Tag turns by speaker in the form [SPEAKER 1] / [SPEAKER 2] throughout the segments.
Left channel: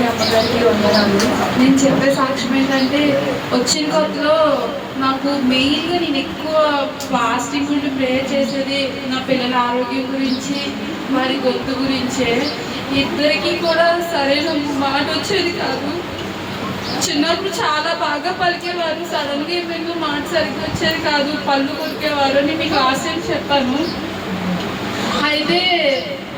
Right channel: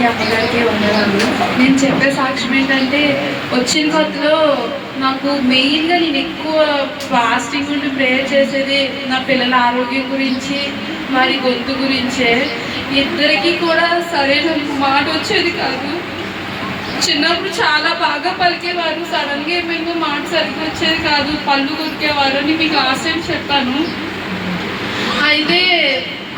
[SPEAKER 1] నాన్నగారికి అమ్మగారికి వందనాలు. నేను చెప్పే సాక్ష్యం ఏంటంటే వచ్చిన కొత్తలో నాకు మెయిన్గా నేను ఎక్కువ ఫాస్టింగ్ ఉండి ప్రేయర్ చేసేది నా పిల్లల ఆరోగ్యం గురించి వారి గొంతు గురించే. ఇద్దరికి కూడా సరైన మాట వచ్చేది కాదు. చిన్నప్పుడు చాలా బాగా పలికేవారు సడన్గా ఏమేమో మాట సరిగ్గా వచ్చేది కాదు. పళ్ళు కొరికేవారు అని మీకు ఆశయం చెప్పాను. అయితే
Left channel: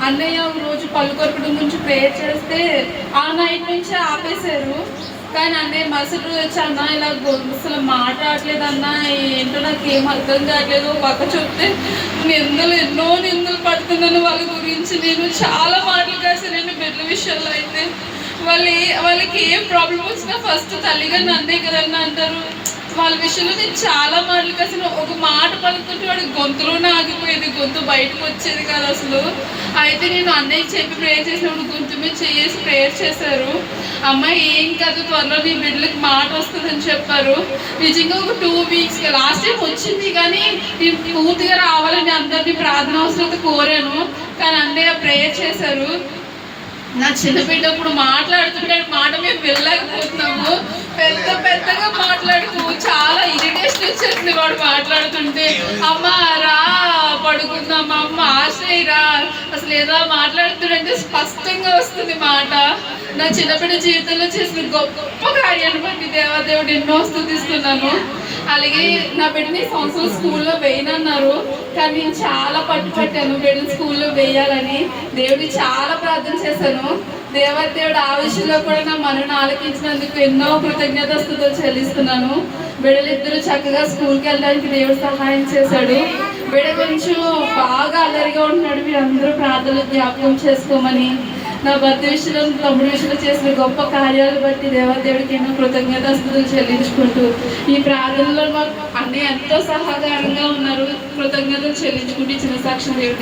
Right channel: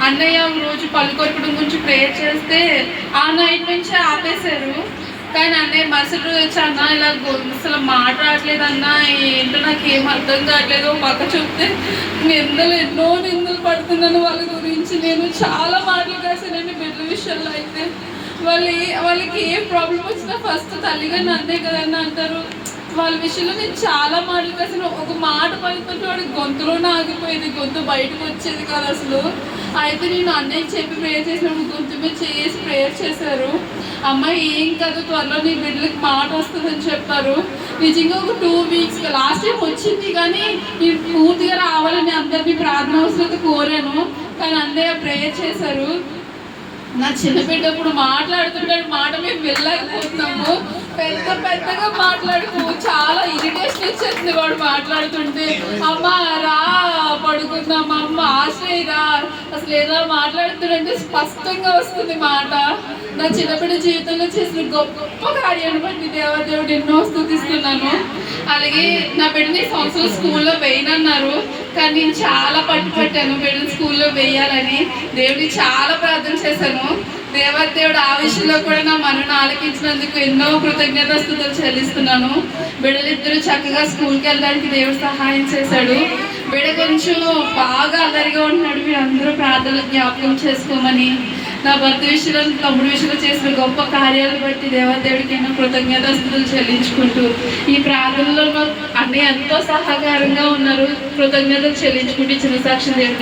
[SPEAKER 1] అన్నయ్య రోజు పళ్ళు కొరకడం గురించి ప్రేయర్ చేస్తే ఆ నైట్ నుంచి ఆపేశారు. కానీ అన్నయ్య మరుసటి రోజు వచ్చి అన్న ఇలా అసలు మాట్లాడలేదు అన్న ఏంటో నాకు ఏం అర్థం కావట్లేదు. పక్క చూస్తే నిందలు ఎన్నో నిందలు పడుతున్నాను వాళ్ళ గురించి నేను చాలా మాటలు కాసానండి నేను బిడ్డల విషయంలో అయితే. వాళ్ళు ఏ- వాళ్ళకి ఏ ప్రాబ్లం వచ్చినా ఫస్ట్ తల్లిగా నన్నే కదన్న అంటారు. వాళ్ళ విషయంలో నేను చాలా మాటలు అసలు ఒక మాట పలుకుతుంటే వాడి గొంతులోనే ఆగిపోయేది గొంతు బయటకు వచ్చేది కాదు అసలు. అయితే నేను అన్నయ్య చెప్పి ప్రేయర్ చేసినప్పుడు గొంతు మీద చేసి ప్రేయర్ చేశారు. అమ్మాయి ఏం కాదు త్వరలో నీ బిడ్డలకి మాట వస్తుందని చెప్పారు. నిజంగా ఒక టూ వీక్స్ లాస్ట్ టైం వచ్చింది కానీ నేను పూర్తిగా రావాలని అందరినీ ప్రార్థన అవసరం కోరాను. కానీ అన్నయ్య ప్రేయర్ చేశారు. నా చిన్న బిడ్డ ఇప్పుడు మాట్లాడుతుంటే మాట మేము వెళ్ళలేకపోతున్నాము. పెద్ద పెద్దగా మాట్లాడుతూ చాలా ఇరిటేషన్ వచ్చేసింది వాడు మాట్లాడుతుంటే. అమ్మ రా పడుకుందాం అమ్మ ఆశ్రయ రా. అసలు ఏదో మాట్లాడుతుంటే స్పష్టంగా వస్తుంది మాట. నా చిన్న జీవితంలో చేసిన గొప్ప కార్యాన్ని బట్టి దేవాదేవుడు ఎన్నో స్థుతిస్తున్నాను. అలాగే నా బిడ్డని సంవత్సరం స్కూల్లో వేయనన్నారు. కానీ నేను చాలా పట్టుపట్టాను బిడ్డని స్కూల్లో వేయాలని దేవుడికి చాలా ప్రార్థన చేశాను. దేవదేవుడు ఆ విషయంలో కూడా నా మనను ఆలకించినందుకు ఎన్నో కృతజ్ఞత స్థుతులు చెల్లిస్తున్నాను. బిడ్డలిద్దరూ చక్కగా స్కూల్కి వెళ్ళడానికి దేవుడు సహాయం చేశాడు. బిడ్డ కొంచెం బాగా అల్లరిగా ఉంటున్నాడు. మీరు అందరూ ప్రార్థనలు జ్ఞాపకం చేసుకోమని నా భర్త విషయంలో తమ్ముడు విషయంలో చేసిన గొప్ప కార్యాలు బట్టి దేవదేవుడికి ఎన్నో కృతజ్ఞతాస్తులు చెల్లించుకుంటూ ఈ ప్రార్థనలో నాకు ఎంతో సహకారంగా ఉన్నారు. కృతజ్ఞతలు చెల్లించుకుంటూ చిన్న సాక్షి దేవుడు